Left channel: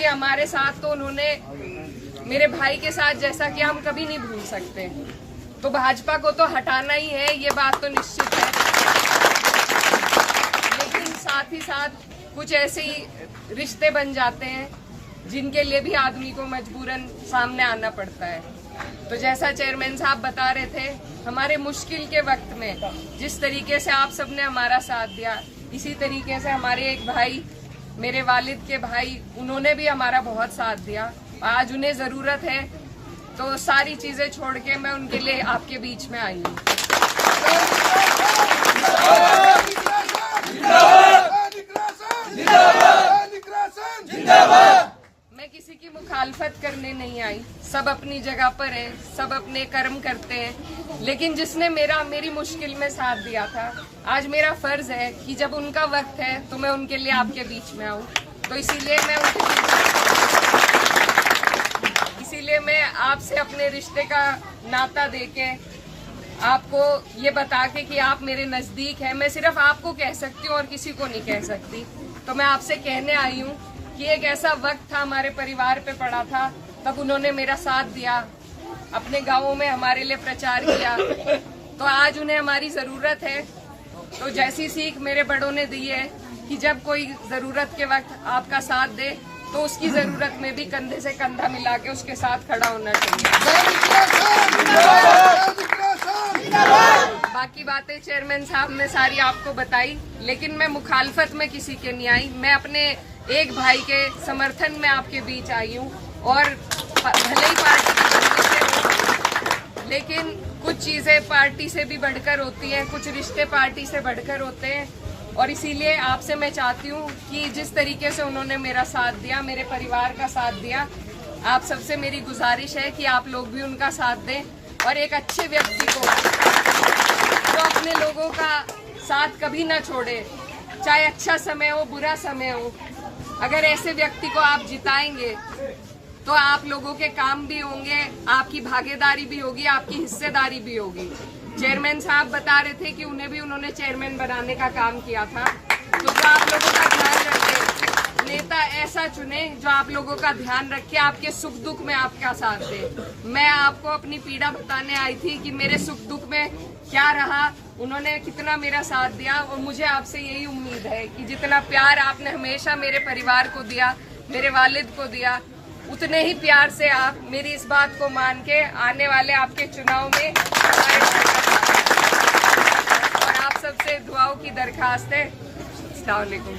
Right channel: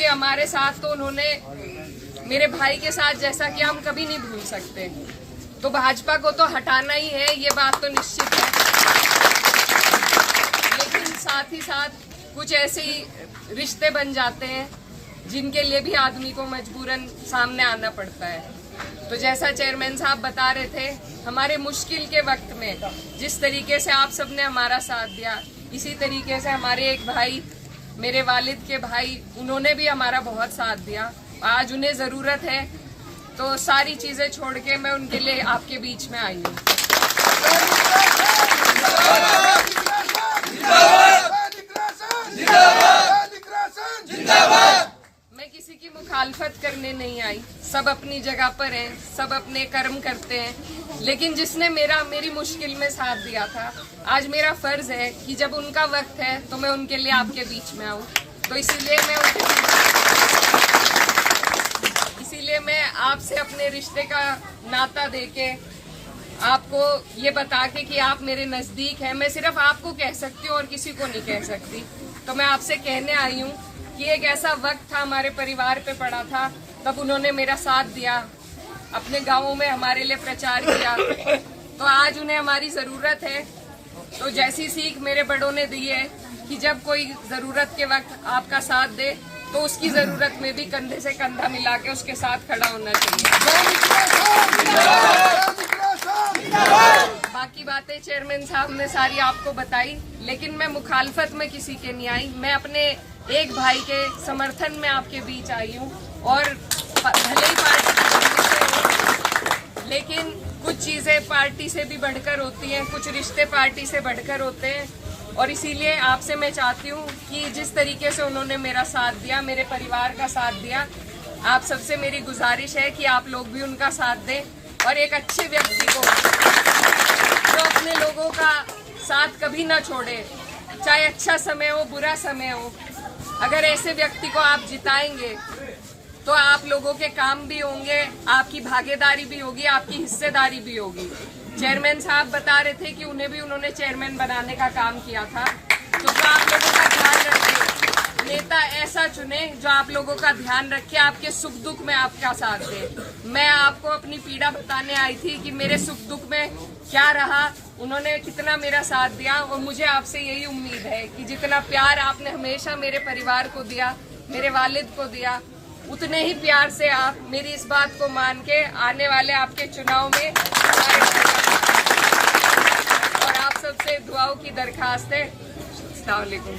क्योंकि हमारे साथ तो उन्होंने मेरे भाई के साथ जैसा कि हम कभी नहीं भूल सकते। तो भाजपा को तो हटाना ही है, ये बात तो निश्चित है। लेकिन साथ ही साथ कुछ ऐसे ही रिश्ते बन जाते हैं जिनके लिए भी आदमी को मजबूरन सामने आना पड़ता है। तो जैसा चेयरमैन साहब बता रहे थे, हमारे मुश्किल के वक्त में जिस तरीके से आप सबने हमारा साथ दिया, इसी तरीके से हमारे एक भाई, मेरे वालिद के भाई, उन्होंने भी हमारा बहुत साथ दिया। आज उन्हें जरूरत है तो सारी चीजें छोड़ के मैं उनके लिए आपके बीच में आई हूँ। मैं किसी की मुखालफत करने नहीं आई, सब अपनी जगह पर हैं, सब अपने कर्म करते हैं। लेकिन जिसने मेरी मुश्किल में साथ दिया था, आज मेरा फर्ज है कि जब उनका वक्त है तो मैं उनके लिए आपके बीच में आऊं। तो इसीलिए मैं आपसे अपने रिश्ते का नाता देके, आपको ये बता के कि आप मेरे नजदीक हैं, मैं सिर्फ आपको कह सकती हूँ और किसी को नहीं कह सकती। तो मैं आपसे कहने आई हूँ कि एक ऐसा वक्त था हमारे परिवार पे पड़ा था, तब उन्होंने मेरा साथ दिया, अपने गांवों में हमारे लिए प्रचार किया। तो आज उन्हें हमारी जरूरत है। तो जैसी सीख मेरे बड़ों ने दी है कि जब कोई जरूरत के वक्त आपका साथ दे तो उसकी जरूरत में भी कंधे से कंधा मिला के उसके साथ खड़ा होना चाहिए। बाकी बातें चेयरमैन साहब ने सारी आपको बताई, लेकिन मैं मुखालफत में किसी के नहीं आई। मैं अपने एक भाई के समर्थन में आपके बीच आई हूँ। और भले ही पार्टी के बंदे से हो, लेकिन कुछ चीजें पार्टी से भी बढ़कर होती हैं, कुछ रिश्ते पार्टी से बढ़कर होते हैं। और इसीलिए आपसे मैं चाहती हूँ कि जिस तरीके से उन्होंने मेरा साथ दिया, मेरे परिवार का साथ दिया, आप सबसे मेरी गुजारिश है कि आप लोग भी उनका साथ दें। और एक अच्छे व्यक्ति को जो अपने लोगों का साथ कभी ना छोड़े, चाहे अच्छा समय हो बुरा समय हो, अगर ऐसे व्यक्ति को आप जिताएंगे तो आप लोगों के काम भी होंगे, आपकी भागीदारी भी होगी, आपकी हिस्सेदारी भी होगी। चेयरमैन साहब बता रहे थे कि उन्होंने चेयरमैन बनाने का काम किया था। तो जो आप लोगों का ध्यान रखे, नेता ऐसा चुने जो आप लोगों का ध्यान रखे, आपके सुख दुख में आपका साथ दे। मैं आपको अपनी पीड़ा बताने आई थी कि मेरे सुख दुख में क्या रहा, उन्होंने कितना मेरा साथ दिया। और मुझे आपसे यही उम्मीद है कि जितना प्यार आपने हमेशा मेरे परिवार को दिया, मेरे वालिद को दिया, उतने ही प्यार से आप मेरी इस बात को मान के आने वाले आपके चुनाव में हमारे और आप सबसे दुआओं की दरखास्त है। अस्सलाम वालेकुम।